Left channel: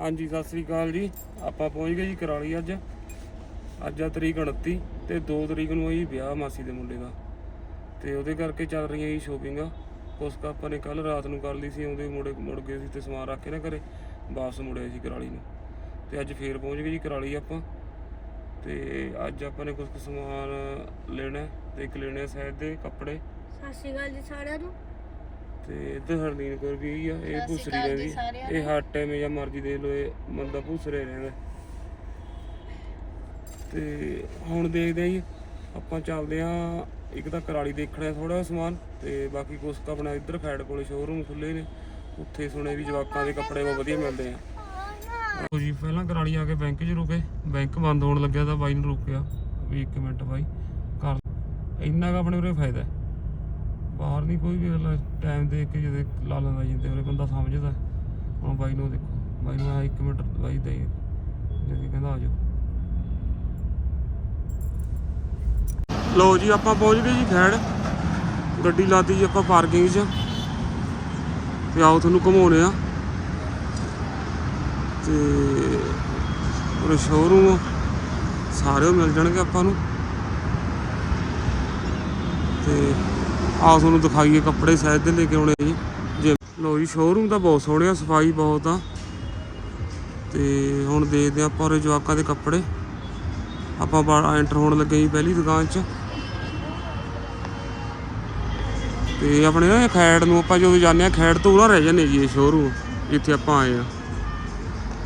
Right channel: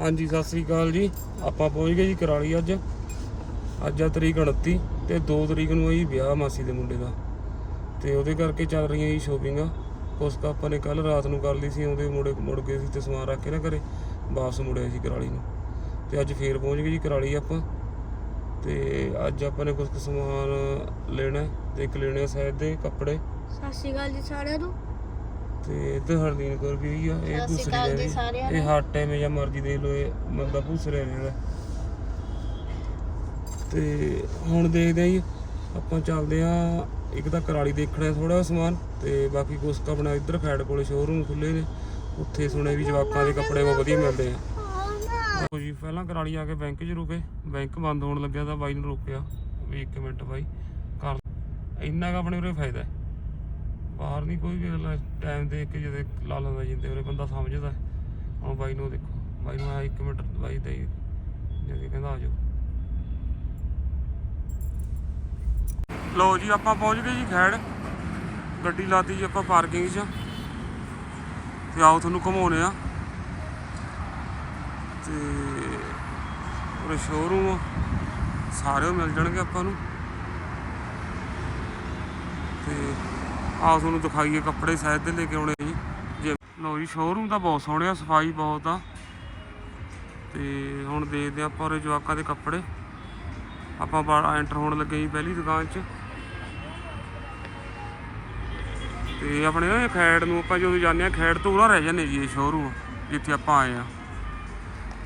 ਹਾਂਜੀ, ਸਤਿ ਸ੍ਰੀ ਅਕਾਲ ਜੀ। ਆਪਾਂ ਪਹੁੰਚ ਗਏ ਜੀ ਕਰਾਲੀ ਅੱਜ। ਅੱਜ ਆ ਤਰੀਕ 29 ਤੇ 2 ਤਰੀਕ ਨੂੰ ਆ ਜੀ ਵਿਆਹ ਮਾਸੀ ਦੇ ਮੁੰਡੇ ਦਾ। ਤੇ ਉਹਦੇ ਕਰਕੇ ਚੱਲ ਰਹੀਆਂ ਜੀ ਸ਼ੋਪਿੰਗਾਂ ਕੁਛ ਕੁ ਆਪਾਂ ਨੇ ਕੱਲ ਰਾਤ ਨੂੰ ਕਰ ਲਈ ਸੀ ਆਉਂਦੇ ਮੁੜੇ ਮੁੜ ਗਏ ਸੀ ਤੇ ਸਮਾਨ ਰੱਖ ਕੇ ਨਾ ਘਰੇ, ਵਾਪਸ ਮੁੜਿਆ ਜੀ ਕਰਾਲੀ ਨੂੰ। ਤੇ ਅੱਜ ਫੇਰ ਪਹੁੰਚ ਗਏ ਜੀ ਕਰਾਲੀ ਆਪਾਂ। ਤੇ ਅੱਜ ਆਪਾਂ ਨੇ ਕੁਝ ਕੁ ਸਮਾਨ ਲੈਣਾ ਹੈ ਤੇ ਇੱਕ ਲੈਣੇ ਆ ਸਾਈਡ ਦੇ ਕੱਪੜੇ। ਸਤਿ ਸ਼੍ਰੀ ਅਕਾਲ ਜੀ ਸਾਰਿਆਂ ਨੂੰ। ਤੇ ਇੱਧਰ ਹਰਦੀਨ ਕੋਲ ਵੀ ਹੋਈ ਆ ਇਹ ਸਤਿ ਸ਼੍ਰੀ ਭੂਸਰੀ ਅਕਾਲ ਜੀ ਸਾਰਿਆਂ ਇਹ ਹਰ ਟਾਈਮ ਜਾਂ ਮਰਜ਼ੀ ਦੇ ਲੋ ਇਹ ਬੰਦਾ ਭੂਸਰੇ ਰਹਿੰਦਾ। ਤੇ ਹੁਣ ਦੇਖਦੇ ਆ ਜੀ ਆਪਾਂ ਚੱਲਦੇ ਆ ਇੱਕ ਤਾਂ ਕਰਾਲੀ ਦੇਖਣਾ ਥੋੜਾ ਸਮਾਨ ਤੇ ਬਾਕੀ ਕੁਛ ਕੁ ਆਪਣਾ ਇੱਧਰ ਖੈੜ ਕੋਲੇ ਸ਼ੋਰੂਮ ਖੁੱਲੇ ਨੇ ਉੱਥੇ ਸੁਣਿਆ ਵੀ ਜਵਾਕਾਂ ਦੇ ਕੱਪੜੇ ਬਹੁਤ ਵਧੀਆ ਮਿਲਦੇ ਆ। ਲਓ ਜੀ ਪਹਿਲਾਂ ਕਰਾਲੀ ਆ ਕੇ ਬੈਂਕ 'ਚ ਰੁਕੇ ਬੈਂਕ ਬੰਦ ਹੋਣ ਲੱਗਿਆ ਤਾਂ ਬਾਈ ਨੂੰ ਰੋਕਿਆ ਵੀ 1 ਮਿੰਟ ਬਾਈ ਕਰ। ਇੰਨਾ ਕੁ ਆਪਣੇ ਉਰੇ ਫਾਇਦਾ ਹੈ। ਬਾਹਰ ਨਹੀਂ ਕੋਈ ਵੀ ਅਗਲਾ ਟਾਈਮ ਦੇਖ ਕੇ ਜਦੇ ਲਾ ਲੈਂਦਾ ਜਿੰਦੇ ਉਰੇ ਬੰਦਾ ਸਮਝਦਾ। ਹੁਣ ਬਾਈ ਨੂੰ ਦੇਖੋ, ਬਾਈ ਨੂੰ ਆ 1 ਮਿੰਟ ਬਾਈ ਦੇ, ਜਦੀ ਕਹਿੰਦਾ ਆ ਜਾਓ। ਲੋ ਜੀ, ਆਪਾਂ ਪਹੁੰਚ ਗਏ ਜੀ ਖੈੜ। ਗੱਡੀ ਲਾਤੀ ਜੀ ਆਪਾਂ ਪਾਰਕਿੰਗ 'ਚ। ਤੇ ਆਓ ਤੁਹਾਨੂੰ ਘੁਮਾਉਣੇ ਆ ਤੇ ਉਹ ਸ਼ੋਰੂਮ ਸਾਰੇ ਮਿਲ ਜਾਣਗੇ ਆਪਾਂ ਨੂੰ। ਤੇ ਆਹ ਤੁਹਾਨੂੰ ਦਿਖਾਈਏ ਕੱਪੜੇ ਸਾਇਦ ਦੇ ਲੈ ਕੇ ਆਉਣੇ ਜੀ। ਜੇ ਲੋ ਜੀ ਸ਼ੋਰੂਮ ਤਾਂ ਬਹੁਤ ਸੋਹਣੇ ਆ, ਸਫ਼ਾਈ ਬਹੁਤ ਆ। ਤੇ ਹੁਣ ਦੇਖਦੇ ਆ ਆਪਾਂ ਉਰੇ ਜਵਾਕਾਂ ਦੇ ਕੱਪੜੇ। ਆਪਾਂ ਬਾਹਰ ਐਂਟਰ ਹੋਣ ਲੱਗੇ ਜੀ ਪਹਿਲੀ ਦੁਕਾਨ 'ਚ। ਤੇ ਆਪਣੇ ਨਾ ਖੈੜ ਨੂੰ ਆਪਾਂ ਜਦੋਂ ਜਾਂਦੇ ਆ ਖੈੜ ਤੋਂ ਉਰਾ ਰਹਿ ਜਾਂਦੇ ਜੀ ਇਹ ਸ਼ੋਰੂਮ ਜਿੱਥੇ ਆਪਾਂ ਆਏ ਆ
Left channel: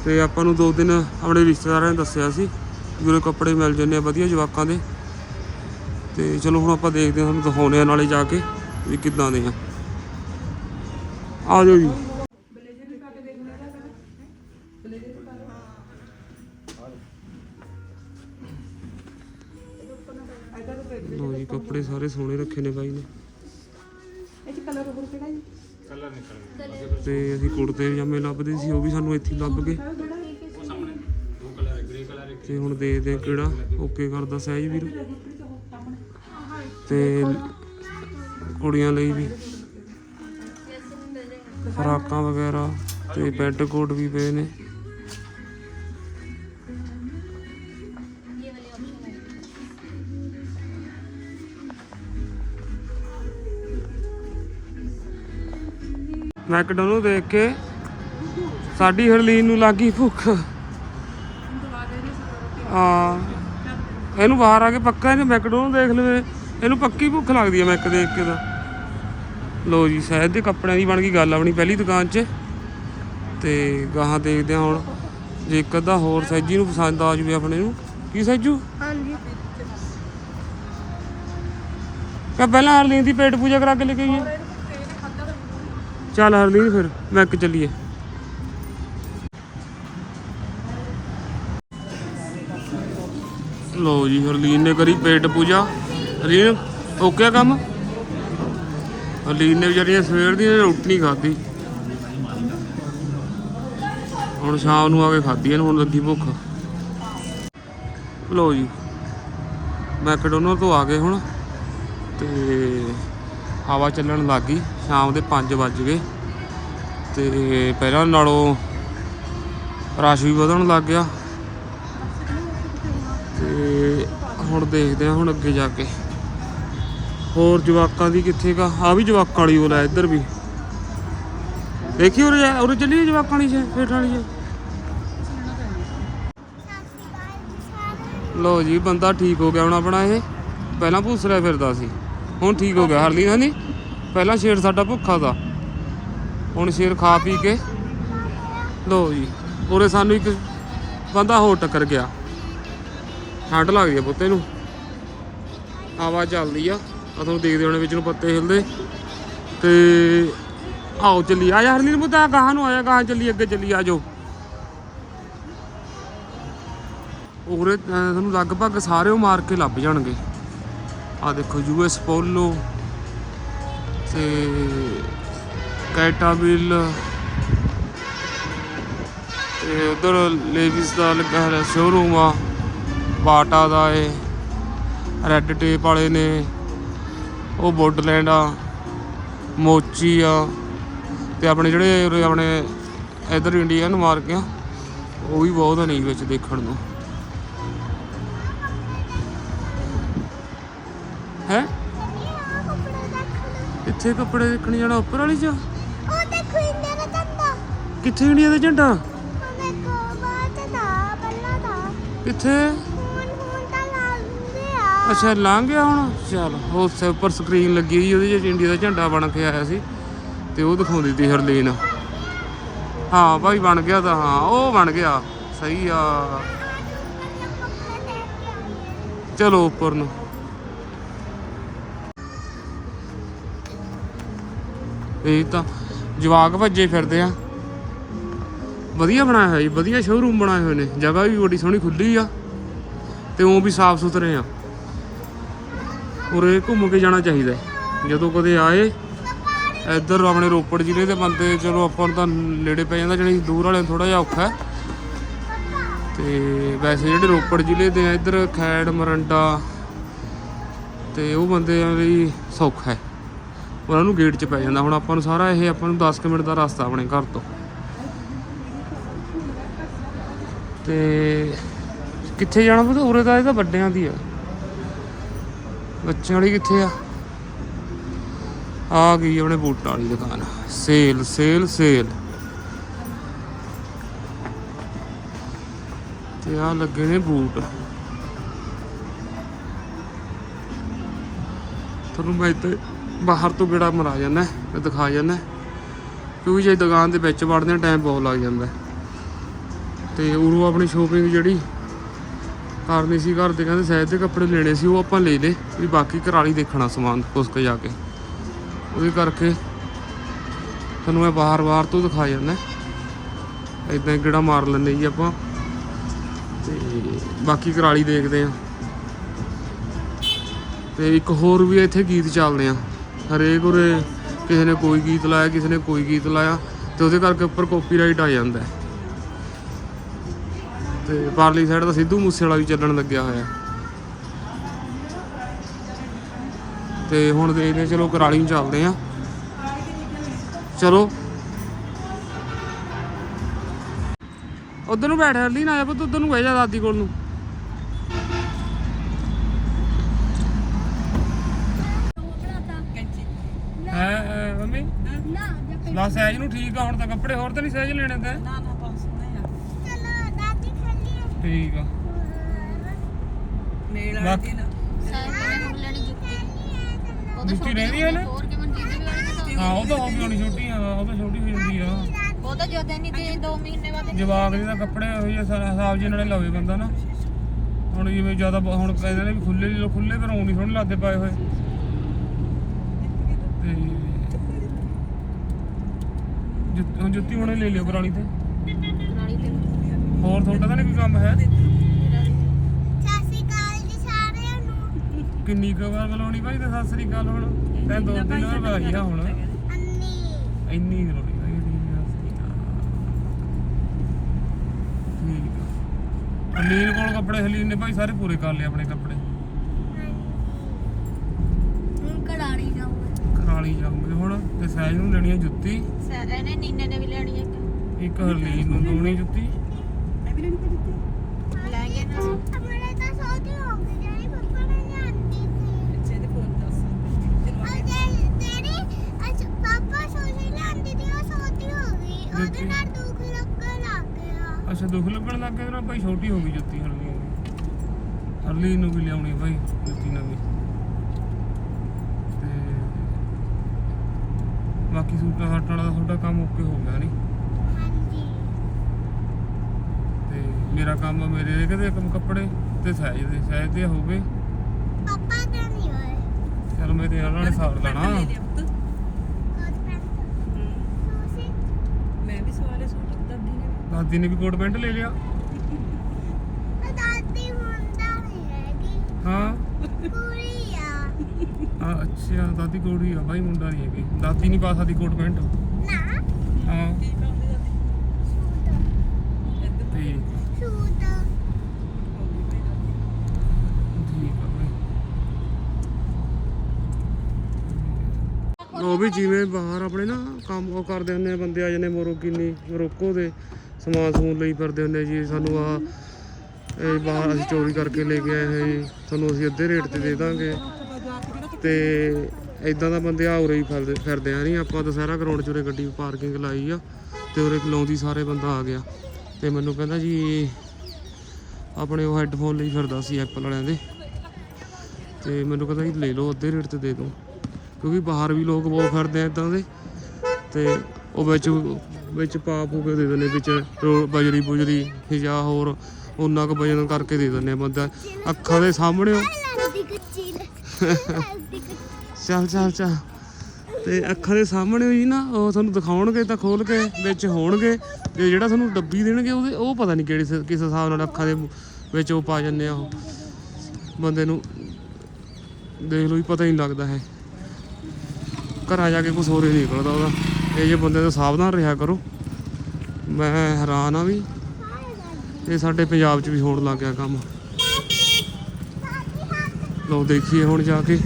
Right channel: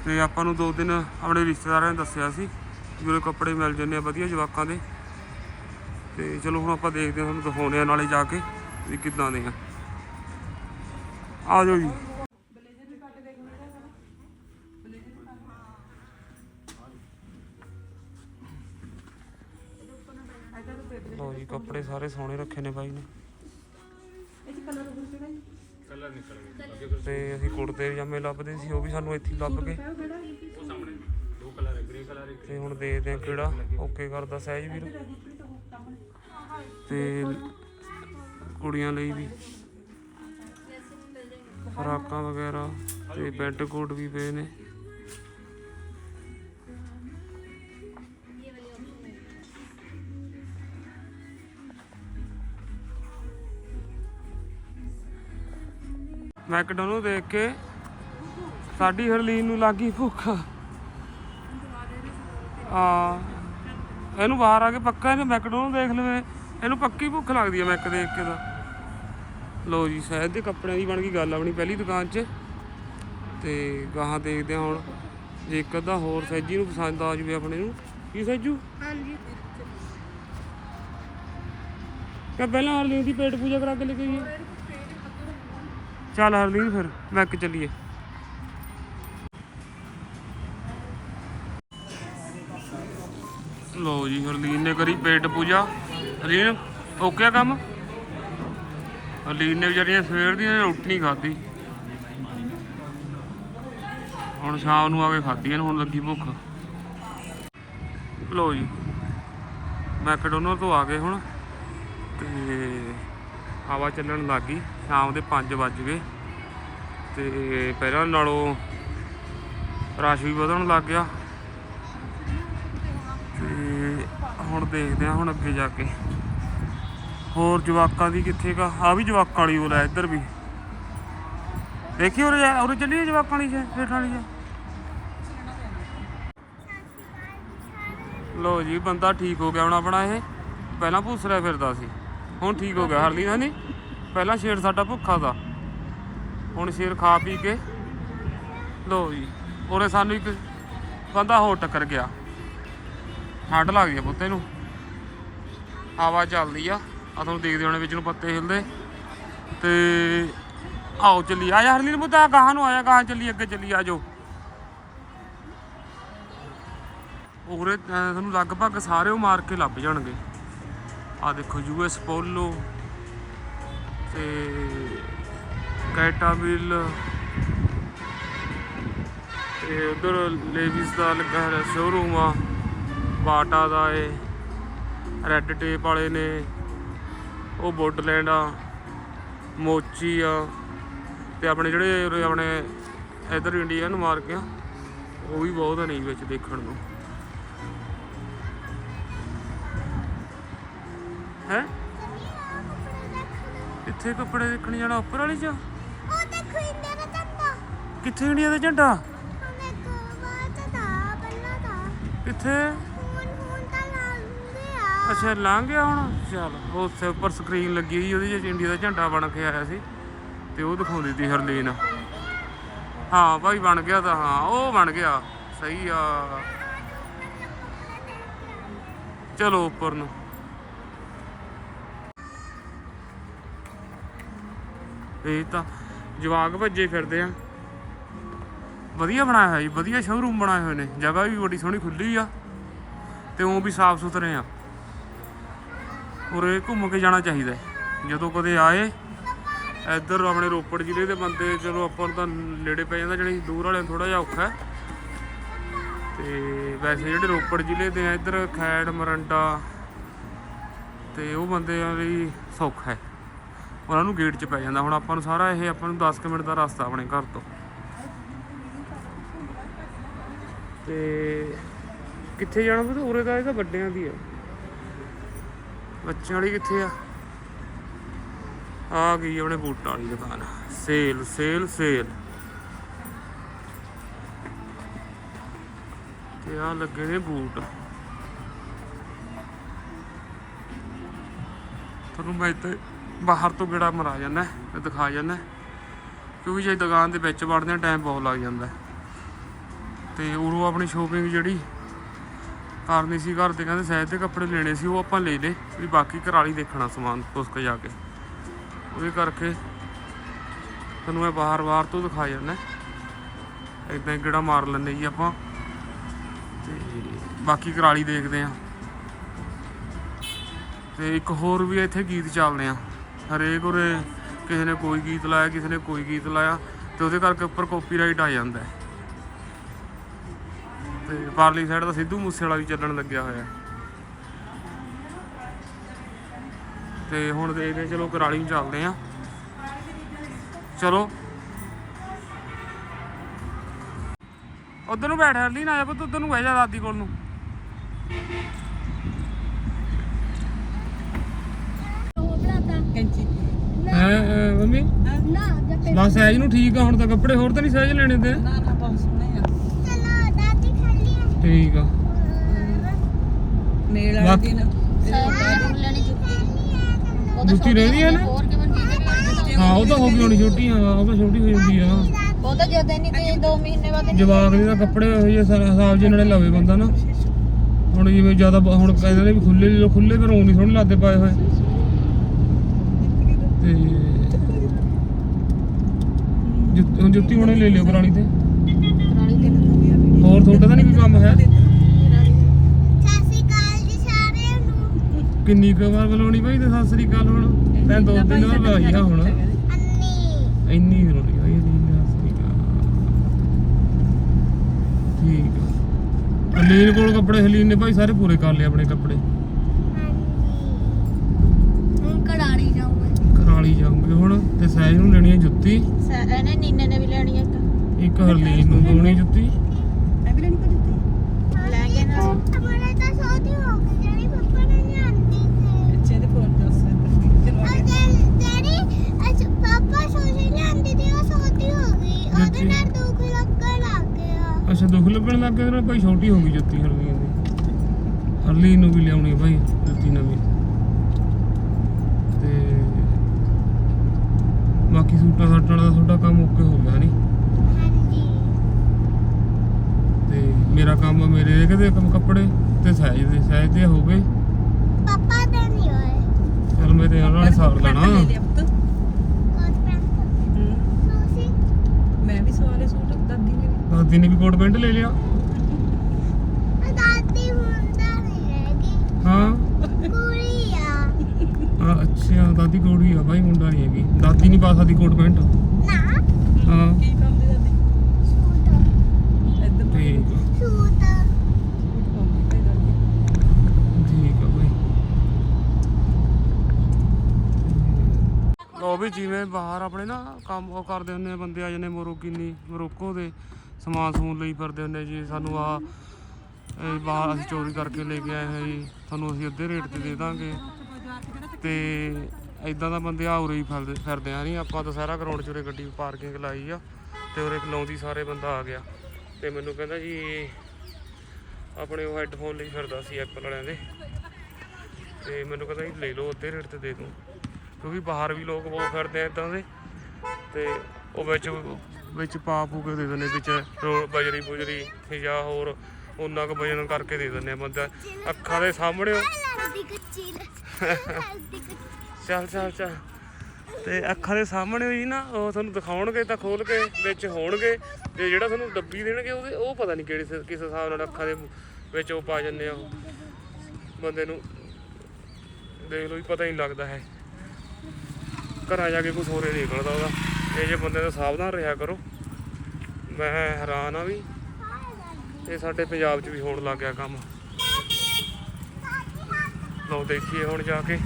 ਤੇ ਆਪਾਂ ਨੂੰ ਦੋ ਦਿਨ ਆਪਣੇ ਰਿਸ਼ਤੇਦਾਰਾਂ ਨੇ ਦੱਸਿਆ ਸੀ ਵੀ ਕੱਪੜੇ ਮਿਲ ਜਾਂਦੇ ਆ ਵਧੀਆ ਜਵਾਕਾਂ ਦੇ। ਤੇ ਚਲੋ ਹੁਣ ਆਪਾਂ ਦੇਖਦੇ ਹਾਂ ਤੁਹਾਨੂੰ ਦਿਖਾਉਂਦੇ ਆ ਨਾਲੇ ਜਾ ਕੇ ਵੀ ਕਿੱਦਾਂ ਦੇ ਆ। ਆ ਜਾਓ ਜੀ। ਲੋ ਜੀ ਕੱਪੜੇ ਸਾਰੇ ਸੋਹਣੇ ਰੱਖੇ ਨੇ ਬਾਈ ਨੇ। ਤੇ ਅਸੀਂ ਕੁੜਤੇ ਪਜਾਮੇ ਲੱਭਦੇ ਸੀ ਉਹ ਵੀ ਸਾਨੂੰ ਇੱਥੇ ਲੱਭ ਗਏ। ਤੇ ਹੁਣ ਦੇਖਦੇ ਆ ਕਿਹੜਾ ਓਕੇ ਕਰਦਾ ਸਹਿਜ ਵੀਰ। ਤੇ ਕੁੜੀਆਂ ਲਈ ਵੀ। ਫਰਾਕਾਂ ਵਗੈਰਾ ਤੇ ਪੈਂਟ ਕੋਟ ਵੀ ਪਏ ਨੇ। ਮੈਕਡੋਨਲ ਦੇਖ ਕੇ ਸਾਡੀ ਹਰਲੀਨ ਨੂੰ ਲੱਗੀ ਭੁੱਖ। ਆ ਇਹਨੂੰ ਬਾਹਰ ਆ ਕੇ ਪੱਕਾ ਇਹਨੇ ਮੈਕਡੋਨਲ ਦੇਖ ਲਵੇ। ਇਹਨੂੰ ਪੱਕੀ ਭੁੱਖ ਲੱਗਦੀ ਹੈ ਮੈਕ ਦੇਖ ਕੇ ਤਾਂ। ਲੋ ਜੀ ਸ਼ਾਇਦ ਦੇ ਕੱਪੜਿਆਂ ਦੀ ਬਣ ਗਈ ਗੱਲ ਆਪਣੀ ਪਹਿਲੀ ਦੁਕਾਨ 'ਚ। ਤੇ ਗਾਹਾਂ ਦੇਖਦੇ ਹਾਂ ਹੁਣ ਜੇ ਇੱਕ ਅੱਧਾ ਹੋਰ ਸੈਜੀ ਨੂੰ ਪਸੰਦ ਆ ਜੂਵੇ ਆਪਣੇ ਨੂੰ। ਕੀ ਸੈਜੂ ਹਾਂਜੀ। ਕਾ ਪਹਿਲਾਂ ਹਰਲੀਨ ਦੀ ਪੇਟ ਪੂਜਾ ਕਰਾ ਕੇ ਲੈ ਕੇ ਆਈਏ। ਚੱਲ ਹਰਲੀਨ ਫਿਰ ਮੈਕ ਚੱਲੀਏ। ਲੋ ਜੀ ਹਰਲੀਨ ਨੇ ਕਰੀ ਪੇਟ ਪੂਜਾ। ਅਲੀਨ ਓਕੇ ਆ ਕੰਮ? ਅਲੀਨ ਨੇ ਵਿਚਾਰੀ ਨੇ ਸਵੇਰ ਦੀ ਰੋਟੀ ਨਹੀਂ ਖਾਧੀ। ਹੁਣ ਸ਼ਾਮ ਨੂੰ ਆ ਕੇ ਖਾਧੀ ਇਹਨੂੰ, ਹੁਣ ਲੱਗੀ ਭੁੱਖ। ਲੋ ਜੀ ਮੈਕਡੋਨਲ ਤੋਂ ਆ ਗਏ ਹੁਣ, ਤੇ ਹਵਾ ਚੱਲਣ ਲੱਗ ਗਈ। ਸ਼ਾਮ ਦੇ 5 ਵੱਜ ਗਏ, ਤੇ ਪਹਿਲਾਂ ਨਾਲੋਂ ਰਸ਼ ਵੀ ਵਧਣ ਲੱਗ ਗਿਆ। ਤੇ ਹੁਣ ਦੇਖਦੇ ਆ ਹੁਣ ਅੱਗੇ ਜਾ ਕੇ। ਹੋਰ ਜਵਾਕਾਂ ਦੀ ਕਿੱਥੇ ਕਾ ਆ ਵੀ ਜਵਾਕਾਂ ਵਾਲੀ ਉਹ ਲੈ ਇੱਧਰ ਵੀ। ਦੇਖੀ ਉਰੇ ਜਾ- ਉਰੇ ਚੱਲੀਏ ਜਵਾਕਾਂ ਵਾਲੀ ਚ ਫੇਟ ਵਾਲੀ ਚ ਲੋ ਜੀ, ਬੰਦਾ ਠੀਕ ਹੋ ਗਿਆ ਹੁਣ ਆਪਣਾ ਇਹ। ਪਹਿਲਾਂ ਭੂਸਰਿਆ ਫਿਰਦਾ ਸੀ। ਹੁਣ ਠੀਕ ਹੋ ਗਿਆ, ਹਰਲੀ ਨਹੀਂ ਪਹਿਲਾਂ ਸ਼ੇਰ ਸਾਡਾ ਭੁੱਖਾ ਦਾ। ਹੁਣ ਸ਼ੇਰ ਖਾ ਪੀ ਕੇ। ਲੋ ਜੀ, ਉਰੇ ਸਾਨੂੰ ਇੱਕ ਬੰਦਾ ਹੋਰ ਟੱਕਰ ਗਿਆ। ਠੰਡ ਲੱਗਦੀ ਆ ਪੁੱਤੇ ਨੂੰ। ਹਵਾ ਚੱਲਦੀ ਆ। ਆ ਤੁਹਾਨੂੰ ਦੇਖਦੇ ਹੋਣੇ ਵਿੱਚ ਨੂੰ ਪੱਤੇ ਹਿਲਦੇ। ਤੇ ਆਓ ਚੱਲੀ ਆ ਜਾ ਹਰਲੀਨ ਪੁੱਤਾ ਗਾਹਾਂ ਨੂੰ ਆਇਆ ਗਾਹਾਂ ਚੱਲੀ ਅੱਗੇ ਚੱਲੀ ਆ ਜਾਓ। ਉਰੇ ਤੁਹਾਨੂੰ ਲਗਭਗ ਸਾਰੇ ਉਹ ਮਾਰ ਕੇ ਲੱਭ ਜਾਣਗੇ। ਆ ਦੇਖੋ ਯੂਐਸ ਪੋਲੋ ਤੇ ਕੈਟਾਬਿਲ ਤੇ ਉਧਰ ਲੇਵਿਸ ਦਾ ਲੱਗਾ ਹੋਇਆ ਸ਼ੋਰੂਮ ਆ। ਬਾਟਾ ਦਾ ਏ ਰੈੱਡ ਟੇਪ ਵਾਲੇ ਨੇ। ਉਹ ਵੁੱਡਲੈਂਡ ਆ ਮੋਚੀ ਆ ਤੇ ਆਪਣੇ ਜਿਹੜੇ ਉਰੇ ਆਪਣੇ ਇਧਰ ਇੰਡੀਅਨ ਮਾਰ ਗਿਆ ਉਹ ਵੀ ਬਹੁਤ ਆ ਨਹੀਂ ਵਿੱਚ ਦੇਖਣ ਨੂੰ। ਹੈ? ਇੱਥੇ ਕੱਪੜੇ ਦੇਖਣ ਜਾਣਾ ਉੱਪਰ ਵਾਲੀ ਚ? ਉਹ ਦੇਖੋ ਇੰਡੀਆ ਦਾ ਝੰਡਾ? ਕਿੱਥੇ ਇੰਡੀਆ ਦਾ ਝੰਡਾ ਕਿੱਥੇ ਹੁਣ ਹੁਣ ਤਾਂ ਲੱਗਦੇ ਆ ਅੱਛਾ, ਲੰਘ ਗਿਆ ਹੁਣ? ਚੱਲ ਉਸ ਉੱਪਰ ਸਕਰੀਨ ਲੱਗੀ ਹੋਈ, ਉਹਦੇ ਵਿੱਚ ਇੰਡੀਆ ਦਾ ਝੰਡਾ ਬਣ ਕੇ ਆਇਆ ਸੀ ਤੇ ਉਹ ਦਿਖਾਉਂਦੀ ਤੀ ਹਰਲੀਨ। ਹਾਂ, ਭਾਈ ਬਣ ਗਿਆ ਤਾਂ, ਹਾਂ, ਉਹ ਬਣ ਗਿਆ। ਸਹੀ ਆ। ਚਲੋ, ਉੱਪਰ ਨੂੰ। ਇਹ ਤਾਂ ਜਵਾਕ ਭੱਜੇ ਫਿਰਦੇ ਆ। ਵਧੀਆ ਬਣਾਇਆ ਹੋਇਆ ਜੀ, ਵਧੀਆ ਸ਼ੋਰੂਮ ਬਣਾਏ ਹੋਏ ਨੇ। ਜਗ੍ਹਾ ਵੀ ਬੜੀ ਸੋਹਣੀ ਖੁੱਲੀ ਆ। ਤੇ ਉਹ ਵੀ ਸਾਫ਼ ਸੁਥਰੇ ਆ। ਉਰੇ ਘੁੰਮ ਕੇ ਜਾਣਾ ਚਾਹੀਦਾ ਜਦੋਂ ਕਦੇ ਆਏ, ਇੱਧਰ ਆਪਣੇ ਰੋਪੜ ਜ਼ਿਲ੍ਹੇ ਦੇ ਬੰਦੇ, ਚਲੋ ਆਪਾਂ ਨੂੰ ਤਾਂ ਨੇੜੇ ਪੈ ਜਾਂਦਾ ਜਿਹੜੀ ਦੂਰ ਵਾਲਿਆਂ ਨੂੰ ਥੋੜਾ ਜਿਹਾ ਔਖਾ ਹੈ। ਤੇ ਵੈਸੇ ਜਿਹੜੇ ਰੋਪੜ ਜ਼ਿਲ੍ਹੇ ਦੇ ਆ, ਇੱਧਰ ਖੈੜ, ਮਰੰਡਾ ਤੇ ਉਹ ਬੰਦਿਆਂ ਲਈ ਸੌਖਾ ਹੈ। ਉਹਨਾਂ ਨੂੰ ਗੇਟ 'ਚ ਪੈ ਜਾਂਦਾ। ਹੁਣ ਆਪਾਂ ਨੂੰ ਸਾਰਾ ਇਹ, ਆਪਾਂ ਨੂੰ 10 ਕੁ ਮਿੰਟ ਦਾ ਰਸਤਾ ਆਪਣੇ ਘਰ ਤੋਂ। ਤੇ ਕਿੱਥੇ ਜਾਣਾ ਪਤਾ? ਉਰੇ ਦਾ ਇਹ ਤਾਂ ਵੱਡਿਆਂ ਦੀ ਆ। ਬੱਚਿਆਂ ਵਾਲੀ ਕਿੱਥੇ ਆ? ਆ ਗਈ ਆਪਣੇ ਬੂਟਾਂ ਵਾਲੀ ਦੁਕਾਨ। Sale sale sale. ਤੇ ਆ ਲੱਗੇ ਨੇ ਬੂਟ। ਤੁਹਾਨੂੰ ਮੈਂ ਇੱਥੇ ਬਾਹਰ ਤੋਂ ਗੇੜਾ ਮਰਾ ਜਾਂਦਾ ਤੇ ਦਿਖਾ ਜਾਂਦਾ। ਕਿਉਂਕਿ ਜੇ ਦੁਕਾਨ ਦੇ ਵਿੱਚ ਵੜਦੇ ਟਾਈਮ ਬਹੁਤ ਲੱਗ ਜਾਂਦਾ। ਤੇ ਉਰੋਂ ਆਪਣੀ ਸ਼ੋਪਿੰਗ ਜਿਹੜੀ ਕਰਨੀ ਸੀ ਘਰ ਦੇ ਕਹਿੰਦੇ ਸਹਿਜ ਦੇ ਕੱਪੜੇ ਲੈਣੇ ਸੀ, ਉਹ ਆਪਾਂ ਲੈ ਲਏ ਵੀ ਬਾਕੀ ਕਰਾਲੀ ਦੇਖਣਾ ਸਮਾਨ ਪੁੱਛ ਕੇ ਜਾ ਕੇ। ਉਹਦੇ ਕਰਕੇ ਤੁਹਾਨੂੰ ਮੈਂ ਬਾਹਰ-ਬਾਹਰ ਤੋਂ ਦਿਖਾ ਜਾਂਦਾ। ਇਦਾਂ ਗੇੜਾ ਮਾਰ ਲੈਂਦੇ ਜੀ ਆਪਾਂ। ਤੇ ਬਾਕੀ ਕਰਾਲੀ ਦੇਖਦੇ ਆ ਤੇ ਇੱਕ ਹੋਰ ਵੀ ਇੱਥੇ ਗੀਤ ਚੱਲਦੇ ਆ ਹਰੇਕ ਉਰੇ ਕਿਸੇ ਨੇ ਕੋਈ ਗੀਤ ਲਾਇਆ, ਕਿਸੇ ਨੇ ਕੋਈ ਗੀਤ ਲਾਇਆ। ਤੇ ਉਹਦੇ ਕਰਕੇ ਉੱਪਰ ਕਾਪੀਰਾਈਟ ਆ ਜਾਂਦਾ। ਤੇ ਪਰਲੀ ਸਾਈਡ ਤਾਂ ਸਿੱਧੂ ਮੂਸੇ ਵਾਲਾ ਵੀ ਚੱਲਣ ਲੱਗਿਆ ਹੋਇਆ। ਤੇ ਹੁਣ ਦੇਖਦੇ ਚਲੋ ਕਰਾਲੀ ਨੂੰ ਚੱਲਦੇ ਆ। ਚਲੋ। ਉਧਰ ਨੂੰ ਬੈਠ ਹਰਲੀ ਨਾ ਆ ਪੁੱਤ ਉਧਰ ਨੂੰ ਬਹਿ ਜਾ ਦਾਦੀ ਕੋਲ ਨੂੰ। ਹੈ ਮੰਮੀ? ਨਾ ਸਹਿਜ ਨੂੰ ਠੀਕ ਆ ਹੁਣ ਤਾਂ ਕੱਪੜੇ ਹੋਰ ਤਾਂ ਨਹੀਂ ਸਹਿਜ ਲੈਣੇ ਤੇ ਠੀਕ ਆ। ਬਾਕੀ ਸਾਈਕਲ ਲੈਣੀ ਜੁੱਤੀ ਜੁੱਤੀ ਰਹਿੰਦੀ ਹੈ ਨਾ? ਹਾਂ ਉਹ ਤਾਂ ਹੋ ਗਈ ਹੋਣੀ ਛੋਟੀ ਹਾਂ ਉਹ ਤਾਂ ਛੋਟੀ ਹੋ ਜਾਂਦੀ ਆ। ਉਹ ਤਾਂ ਜਦ ਨਹੀਂ ਤੇ 2 ਮਹੀਨੇ ਬਾਅਦ ਜਵਾਕ ਦੇ ਤਾਂ ਕੱਪੜੇ ਉਹੋ ਜਿਹੇ ਸਾਰਾ ਹਿਸਾਬ ਜਿਹੇ ਨਾਲੇ ਲਵੇ ਬੰਦਾ ਨਾ। ਹੁਣ ਜਿਵੇਂ ਜ਼ਿਆਦਾ ਬ- ਹੁਣ ਕਹਿੰਦੇ ਨੇ ਵੀ ਖੁੱਲੇ ਲੈ ਖੁੱਲੇ ਪਰ ਉਹ ਨਹੀਂ ਸੋਹਣੇ ਲੱਗਦੇ ਪਾਏ ਹੋਏ। ਤੇ ਜੁੱਤੀ ਹੁਣ ਜੁੱਤੀ ਹੁਣੇ ਲੈ ਲਿਓ ਪੁਰਾਣੀ ਤੇ। ਤੁਹਾਡਾ ਤਾਂ ਨਹੀਂ ਕੋਈ ਕੰਮ ਹੈ। ਕਿੰਨੀ ਕੁ ਵਾਰ ਬੁਲਾਉਣੀ ਭਾਈ ਤੇ ਸਤਿ ਸ੍ਰੀ ਅਕਾਲ ਹੁਣ? ਤੈਨੂੰ ਦੋ ਤਿੰਨ ਵਾਰ ਬੁਲਾਈ ਆ ਹੁਣ। ਇੰਨੀ ਬੁਲਾਉਣੀ ਭਾਈ ਨਹੀਂ ਸਤਿ ਸ੍ਰੀ ਅਕਾਲ। ਠੀਕ ਆ। ਹਲੀਨ ਕੋਲ ਕੱਪੜੇ ਹਲੀਨ ਨੇ ਭਾਈ ਸਾਰੇ ਪੂਰੇ ਕਰ ਲਏ ਆਪਣੇ ਕੱਪੜੇ। ਹੁਣ ਕੜਾੜੀ ਜਾਊਂਗਾ ਕਰਾਲੀ ਜਾਊਂਗੇ ਹੁਣ ਤੇ ਸਹਿਜ ਨੂੰ ਲੈਣੀ ਹੈ ਜੁੱਤੀ। ਇਹਨੇ ਨੀਨੇ ਨੇ ਵੀ ਲੈਣੀ ਇੱਕ। ਇੱਕ ਹਰਲੀਨ ਨੂੰ ਦੋਣੀ ਜੁੱਤੀ ਲੈ ਕੇ ਨਾ ਹਮਾਰੇ ਤਾਂ ਸੋਦੀ ਹੋ ਗਈ ਜਿਹੜੀ ਪਪਾ ਨੇ ਲਿਆਂਦੀ ਸੀ ਉਹ ਜਿਹੜੀ ਜਿਹੜੀ ਅੱਜ ਪਾਪਾ ਸੋਦੀ ਲਿਆਂਦੀ ਸੀ ਉਹ ਸੋਦੀ ਹੋ ਗਈ ਉਹਦੇ ਜੁੱਤੀ। ਨਾਲ ਦੁੱਖ ਲੱਗਣ ਲੱਗ ਗਿਆ ਅੱਛਾ ਇਹਦੇ ਨਾਲ ਭਾਈ ਛੋਟੀ ਹੋ ਗਈ ਜੁੱਤੀ ਹਰਲੀਨ ਦੀ। ਹਰਲੀਨ ਨੂੰ ਵੀ ਲਿਆਉਣੀ ਹੈ ਭਾਈ ਜੁੱਤੀ ਨਵੀਂ। ਤੇ ਬਾਕੀ ਸੂਟਾਂ ਸਾਟਾਂ ਦਾ ਤੁਹਾਡਾ ਕੰਮ ਓਕੇ ਹੋ ਗਿਆ ਨਹੀਂ ਹਾਂਜੀ। ਤੇ ਮੇਰਾ ਕੰਮ ਮੇਰੇ ਗਏ ਕੰਮ ਕੱਪੜੇ ਤੇ ਸਹਿਜ ਦੇ ਸਹਿਜ ਦੇ ਹੋ ਗਏ। ਪਾਪਾ ਦੇ ਨਹੀਂ ਹੋਏ। ਚਲ ਨਾਲ ਸਾਰ ਲੈਣਾ। ਮੈਂ ਵੀ ਸਵਾਰੇ ਸੂਟ ਦਾਦੀ ਨੇ ਦਾਦੀ ਨੇ ਵੀ ਕੋਟ ਪੈਂਟ ਲੈ ਲਿਆ ਦਾਦੀ ਮੁੰਡਾ ਨਹੀਂ ਹੈਗੀ ਹਾਂ? ਕੁੜੀ ਆ ਆ ਅੱਛਾ ਦਾਦੀ ਕੋੜੀ ਆ ਭਾਈ ਮੁੰਡਾ ਨਹੀਂ ਹੈਗੀ। ਦਾਦੀ ਨਹੀਂ ਪਾ ਸਕਦੀ ਕੋਟ ਪੈਂਟ। ਨਾ। ਹਾਂ। ਕੀ ਸੂਟ ਇੱਧਰ ਠੀਕ ਆ। ਸੂਟ ਪਾਉਂਦੀ ਪਈ ਦਾਦੀ ਠੀਕ ਆ ਭਾਈ ਲੋ ਵੀ ਜਿਵੇਂ ਬਾਹਰ ਆਪਣੇ ਨਾ ਕੰਮ ਉਹ ਕਰਦੇ ਹੁੰਦੇ ਆ ਬੰਦੇ ਆ ਜਾਂਦੇ ਮੋਰੋਕੀਨੀ ਮੋਰੋਕੋ ਦੇ ਸਮਾਨ ਸਮੂਨ ਲਈ ਫਿਰਦੇ ਹੁੰਦੇ ਜੀ। ਸਾਨੂੰ ਆ ਇਹ ਬਾਹਰ ਅਸੀਂ ਚੋਰੀ ਕਰਕੇ ਲੈ ਕੇ ਆਏ ਹਾਂ ਜੀ। ਤੁਹਾਨੂੰ ਅਸੀਂ ਅੱਧੇ ਰੇਟ ਤੇ ਦੇ ਦਾਂਗੇ। ਤੇ ਇਦਾਂ ਦਾ ਬੰਦੇ ਆ ਉਰੇ ਹੀ ਫਿਰਦੇ ਫਿਰਦੇ ਆ ਨਹੀਂ ਆਪਾਂ ਦੁਸਹਿਰਾ ਗਰਾਊਂਡ 'ਚ ਉਰੇ ਗੱਡੀ ਪਾਰਕਿੰਗ ਲਾਈ ਆ ਤੇ ਉਰੇ ਲਾਉਂਦੀ ਸਾਰੇ ਬੰਦਾ ਆ ਗਿਆ। ਤੇ ਮੈਨੂੰ ਕਹਿੰਦਾ ਜੀ, ਆਪਣੇ ਉਹ ਹੈੱਡਫੋਨ ਲਈ ਫਿਰਦਾ ਸੀ ਐਪਲ ਵਾਲਿਆਂ ਦੇ। ਤੇ ਮੈਨੂੰ ਕਹਿੰਦਾ ਜੀ, ਲੈ ਲਓ, ਅੱਧੇ ਰੇਟ ਤੇ ਦੇ ਦੂੰ ਕਿਉਂਕਿ ਬਾਹਰ ਵੀ ਲੋਕ ਬਹੁਤ ਫਿਰਦੇ ਆ ਇਦਾਂ ਦੇ। ਤੇ ਉਹ ਵਿੱਚ ਵਿੱਚ ਪਾ ਪੂ ਕੇ ਦੇ ਦਿੰਦੇ ਵਿੱਚ ਰੋ- ਬਜਰੀ ਬੁਜਰੀ ਜਾਂ ਹੋਰ। ਉਹਨਾਂ ਕੁ ਵਜਨ ਕਰਕੇ ਦੇ ਦਿੰਦੇ ਆ ਬੰਦਾ। ਅੱਖਾਂ ਦੇ ਸਾਹਮਣੇ ਉਹ- ਚੱਲ ਚੱਲ ਚੱਲ। ਤੇ ਅੱਖਾਂ ਦੇ ਸਾਹਮਣੇ ਹੀ ਨਾ, ਉਹ ਤੁਹਾਨੂੰ ਦਿਖਾਉਣਗੇ ਤਾਂ ਖੋਲ ਕੇ ਵਿੱਚ ਹੋਣਗੇ। ਤੇ ਜਿਹੜਾ ਤੁਹਾਨੂੰ ਡੱਬੀ ਦੇਣਗੇ, ਉਹਦੇ, ਉਹ ਪਤਾ ਨਹੀਂ ਕਿਹੜੀ ਸ- ਕਿਸ ਹਿਸਾਬ ਨਾਲ ਅੱਖਾਂ ਦੇ ਵਿੱਚ ਉਹ ਪਾ ਜਾਂਦੇ ਆ ਉਹ। ਬੰਦੇ ਨੂੰ ਦੇਖ ਲਓ ਹੀ ਪਤਾ ਹੀ ਨਹੀਂ ਲੱਗਦਾ ਹੈ। ਘਰਾਂ ਜਾ ਕੇ ਕੁਝ ਹੋਰ ਹੀ ਨਹੀਂ ਨਿਕਲਦਾ ਉਹਦਾ। ਇਹ ਜੇ ਬੰਦੇ ਤੋਂ ਸਾਵਧਾਨ ਰਿਹਾ ਕਰੋ। ਮੈਂ ਹੈਰਾਨ ਆ ਵੀ ਇਹ ਸਾਡੇ ਪੰਜਾਬ 'ਚ ਵੀ ਹੋਣ ਲੱਗ ਗਿਆ ਕੰਮ। ਲੋ ਦੇਖੀਏ ਹੁਣ ਜਾ ਕੇ।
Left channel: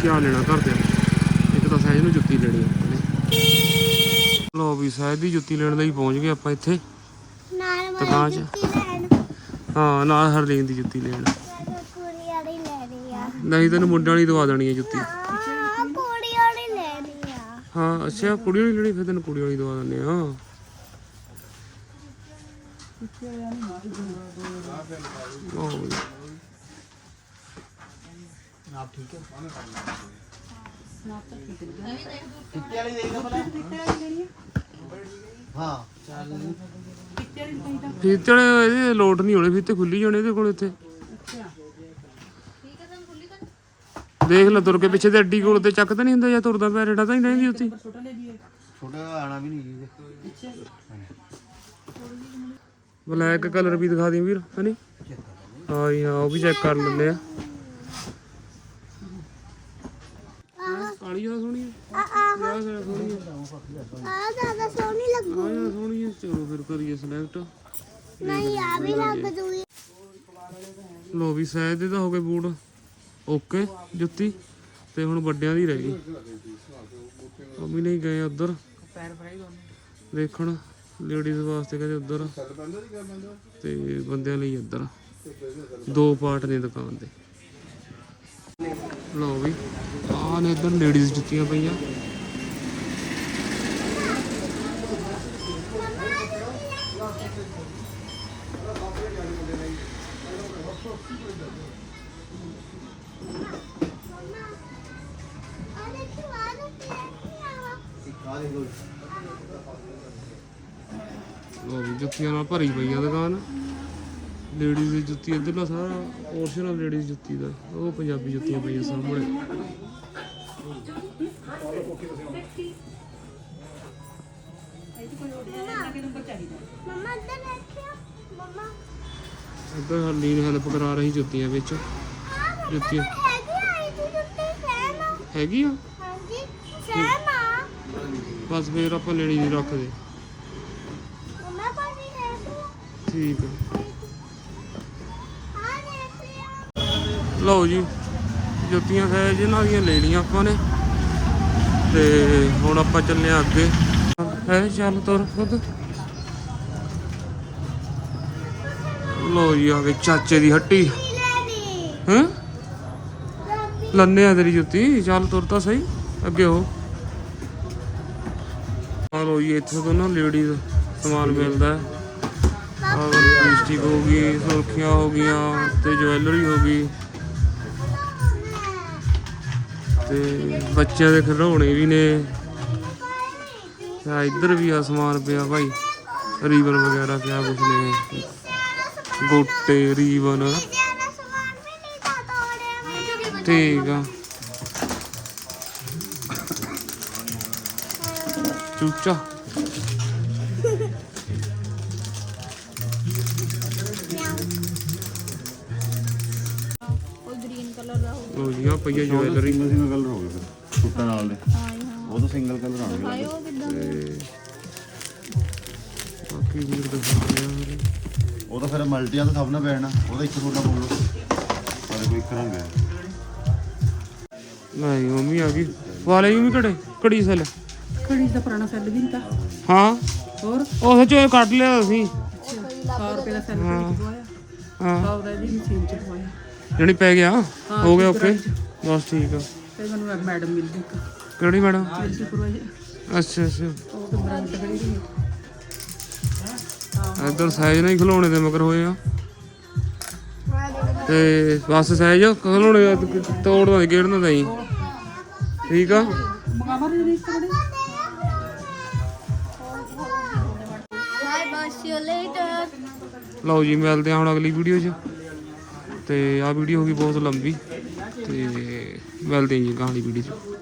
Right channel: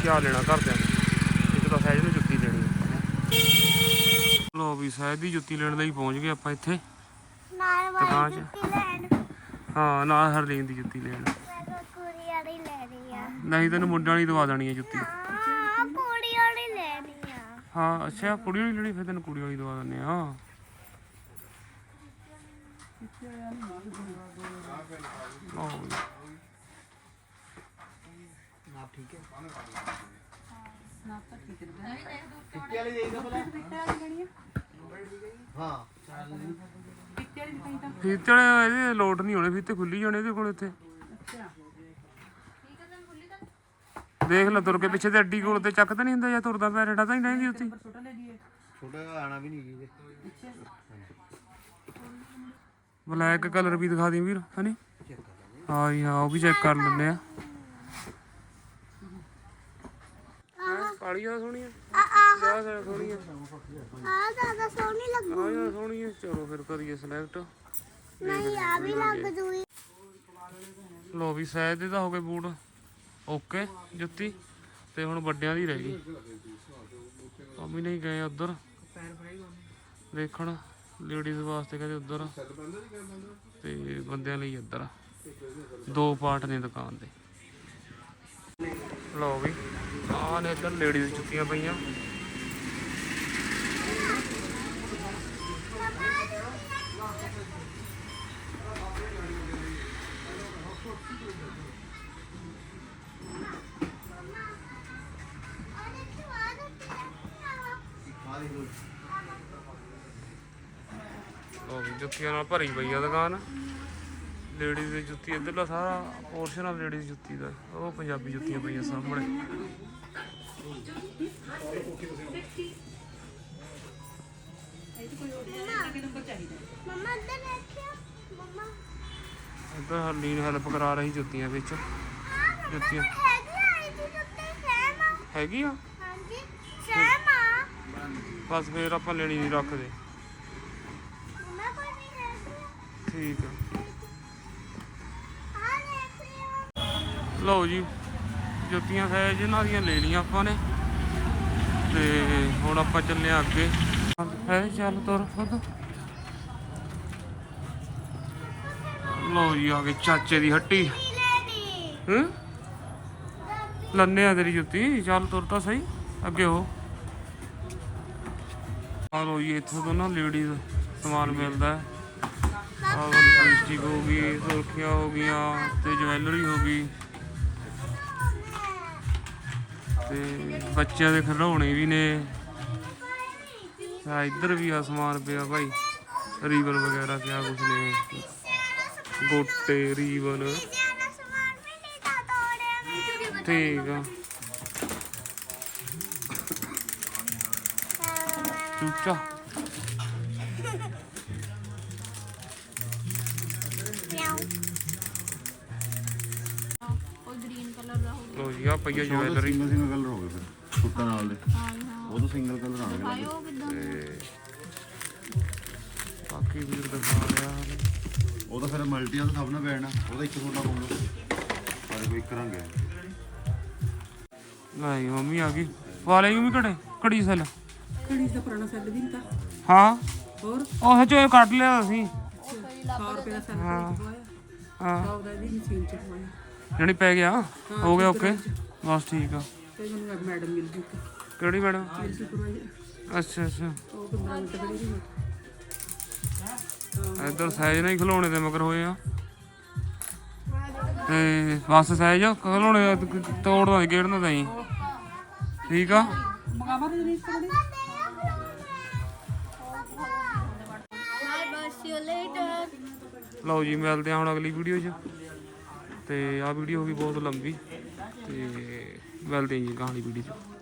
ਕਿਆ ਲੈਣਾ ਘਰਦਿਆਂ ਇੱਕ ਤਾਂ ਸਹਿਜ ਨੂੰ ਜੁੱਤੀ ਲੈਣੀ ਨੇ ਲੋ ਵੀ ਸਹਿਜ ਦੀ ਜੁੱਤੀ ਲੈਣ ਲਈ ਪਹੁੰਚ ਗਏ ਆਪਾਂ ਇੱਥੇ। ਨਾਲ ਦੁਕਾਨ 'ਚ ਹਾਂ ਨਾਲ ਹਰਲੀਨ ਦੀ ਜੁੱਤੀ ਲੈਣ। ਨਹੀਂ ਤੈਨੂੰ ਮੁੰਡਿਆਂ ਵਾਲੀ ਦਵਾ ਦੇਣੀ ਹੈ ਜੁੱਤੀ। ਹਾਂ ਕੁੜੀ ਵਾਲੀ ਲੈਣੀ ਆ। ਹਾਂ ਅੱਛਾ ਕੁੜੀ ਵਾਲੀ ਲੈਣੀ ਫਿਰ ਤੈਨੂੰ ਕੁੜੀ ਵਾਲੀ ਦਵਾ ਦਿੰਦੇ ਆ। ਲਓ ਵੀ। ਹਾਂ ਫੀਤੇ ਵਾਲੇ ਇਹਦੇ ਲੋਟ ਨਹੀਂ ਹੋਣੇ ਫੀਤੇ ਖੁੱਲੀ ਜਾਣੇ ਇਹਦੇ ਕੋਲ ਇੱਥੇ ਦੇਖ ਲੈ ਤੁਰ ਕੇ ਪਿੱਛੇ ਤੇ ਅੱਡੀ ਕੋਲ ਤੇ ਚੱਕ ਤਾਂ ਨਹੀਂ ਹੁੰਦਾ ਜਾਂ ਤੁਰਦਾ ਪਿਆ ਰੇੜਾ ਤਾਂ ਹੀ ਰਹਿੰਦੀ ਉੱਥੇ ਛੋਟਾ ਆਣਾ ਵੀ ਨਹੀਂ ਬਲੈਕ ਕਲਰ ਵੀ ਦਿਖਾ ਦੀ ਵੀਰ ਹਨੀ ਹਾਂ ਜੀ ਹਾਂ ਉਹ ਵੀ ਚੈੱਕ ਕਰ ਲੈਂਦੇ ਆ। ਕਾਲੀ ਆ ਸੋਹਣੀ ਆ ਆ ਸੋਹਣੀ ਆ ਆ ਜ਼ਿਆਦਾ ਸੋਹਣੀ ਲੱਗੂ ਆ ਯਾਰ ਸੋਹਣੀ ਆ ਚਲੋ ਫਿਰ ਕਰੀਏ ਸਿਲੈਕਟ ਨਹੀਂ ਆ ਵੀ ਲੱਗ ਜੂਗੀ। ਲੋ ਵੀ ਸਹਿਜ ਦੇ ਤਾਂ ਹੋ ਗਏ ਬੂਟ। ਓਕੇ ਜੁੱਤੀ। ਤੇ ਹੁਣ ਵੱਡਿਆਂ ਦੀ ਰਹਿ ਗਈ। ਮੰਮੀ ਨਹੀਂ ਗਏ ਉਧਰ। ਦੇਖਣ। ਲੇਡੀਜ਼ ਵਾਸਤੇ ਕਹਿੰਦੇ ਉਧਰ। ਤੇ ਬੰਦਿਆਂ ਲਈ ਇੱਧਰ। ਦੋ ਪਾਰਟ ਨੇ ਦੁਕਾਨ ਦੇ। ਲਓ ਵੀ ਆਹ ਨੇ ਇੱਧਰ ਲੇਡੀਜ਼ ਜੁੱਤੀਆਂ ਪਈਆਂ। ਜੁੱਤੀਆਂ ਨਾਲ ਭਰੀ ਪਈ ਆ ਦੁਕਾਨ। ਲੇਡੀਜ਼ ਦੀ ਜੁੱਤੀ ਇੱਧਰਲਾ ਸਾਰਾ ਪੋਰਸ਼ਨ ਆ ਲੇਡੀਜ਼ ਜੁੱਤੀ ਦਾ ਉਹ ਪੰਜਾਬੀ ਜੁੱਤੀਆਂ ਪਈਆਂ ਸਾਹਮਣੇ। ਇੱਧਰ ਹਰਲੀਨ ਹੈਲਪ ਕਰਾ ਰਹੀ ਜੁੱਤੀਆਂ ਵਿੱਚ। ਜੁੱਤੀਆਂ ਹੈਗੀ ਆ ਹੈਗੀ ਆ ਹਾਂਜੀ ਸੇਮ ਆ। ਬਸ ਫੇਰ ਆਪਾਂ ਲੈਣੀ ਨਹੀਂ ਰੱਖਦੇ ਠੀਕ ਆ। ਲਓ ਜੀ, ਜੁੱਤੀਆਂ ਹੈ ਇਹਨਾਂ ਦੀਆਂ ਲੈ ਲਈਆਂ ਆਪਾਂ ਨੇ। ਤੇ ਹੁਣ ਆਪਾਂ ਚੱਲੇ ਆ ਅੱਗੇ। ਹੈ ਚੱਲ ਤੁਰ ਖੁਦ। ਲਓ ਜੀ, ਆ ਗਏ ਚਾਚੇ ਦੀ ਹੱਟੀ। ਕੀ ਹੈਂ? ਰੱਬੀ ਲੰਨੇ ਆ ਤੇਰੀ ਜੁੱਤੀ। ਚੱਲ ਤੁਰ ਤਾਂ ਸਹੀ, ਅੱਗੇ ਹੋ। ਆ ਲੋ ਜੀ, ਇੱਥੋਂ ਤੋਂ ਨਾ ਲੇਡੀਜ਼ ਸਮਾਨ ਮਿਲਦਾ ਹੈ। ਆਹ ਲਿਪਸਟਿਕ ਹੋ ਗਈ, ਸੁਰਖੀਆਂ ਹੋ ਗਈਆਂ ਤੇ ਜਵੈਲਰੀ ਹੋ ਗਈ। ਤੇ ਬੱਚਿਆਂ ਦੇ ਖਿਡੌਣੇ ਵੀ ਨੇ। ਆ ਇੱਧਰ ਵੀ ਆ ਸਮਾਨ ਪਿਆ ਭਾਈ। ਰੀਬਨ ਵਗੈਰਾ ਕਿਆ ਕੁਛ ਨੇ। ਗੋਟੇ, ਰੀਬਨ। ਠੀਕ ਆ। ਚੂਚਾ। ਲੋ ਜੀ ਆ ਪਈਆ ਜਵੈਲਰੀ ਸਿੰਗਲ ਸਿੰਗਲ ਕਲਰ ਹੋ ਗਏ ਫਿਰ ਛੋਟਾ ਨਾਲ ਦੇ। ਉਹ ਤਾਂ ਸਿੰਗਲ ਕਲਰ ਆਣਗੇ ਤੇ ਬਾਕੀ ਵੀਰ ਦਿਖਾ ਰਿਹਾ। ਉਹ ਤਾਂ ਫਿਰ ਮਲਟੀਆਂ ਤਾਂ ਸਭ ਨੇ ਪੈਣਾ ਉਹਦਾ ਇੱਕ ਛੋਟਾ ਪਊਗਾ ਉਹਦੇ ਕੋਈ ਇੱਕ ਰੰਗ ਹੈ ਨਹੀਂ ਮੰਮੀ ਆ ਗਈ। ਵਾਲੇ ਵੀ ਘੜੇ ਘੜੀ ਸੈਲ। ਕੜੀ ਦਾ ਪੁਰਾਣਾ ਸੈੱਲ ਵੀ ਨਹੀਂ ਤਾਂ। ਹਾਂ। ਹੋਰ? ਉਹ ਸੱਚੋ ਕੱਢ ਲਿਆ ਅਸੀਂ। 100 ਰੁਪਏ ਦਾ ਸੈੱਲ ਹਾਂ। ਹਾਂ। ਆਉਦਾ ਜੀ ਮਸ਼ੀਨ ਚ ਪਵਾਇਆ। ਜਣੀ ਪੈ ਗਿਆ। ਹੋ ਗਿਆ ਓਕੇ। ਬਸ ਠੀਕ ਆ। ਤੇ ਮੈਨੂੰ ਮੈਡਮ ਮਿਲ ਗਈ। ਕਿਹੜੀ ਮੈਡਮ? ਅੱਛਾ ਅੱਛਾ। ਉਹ ਤਾਂ ਸੀ। ਇੱਧਰ ਸਾਈਜ਼ ਨਾਲ ਹੀ ਖਿਲਾਉਣੇ ਤੇ ਮਗਰ ਹੋਏ ਆ। ਤੇ ਬਸ ਸਾਈਜ਼ ਖਿਲਾਉਣੇ ਤੋੜਨਾ ਤੇ ਗੇੜਨਾ ਤਾਂ ਹੀ। ਠੀਕ ਆ? ਮੰਗਾਵਾ ਦੇ ਲਓ ਜੀ ਮਿਲਦੇ ਆ ਹੁਣ ਅਗਲੀ ਵੀਡੀਓ 'ਚ। ਤੇ ਆਹ ਵੀਡੀਓ ਹੋ ਗਈ ਬਹੁਤ ਲੰਬੀ। ਤੇ ਮਿਲਦੇ ਹਾਂ ਜੀ ਅਗਲੀ ਵੀਡੀਓ 'ਚ।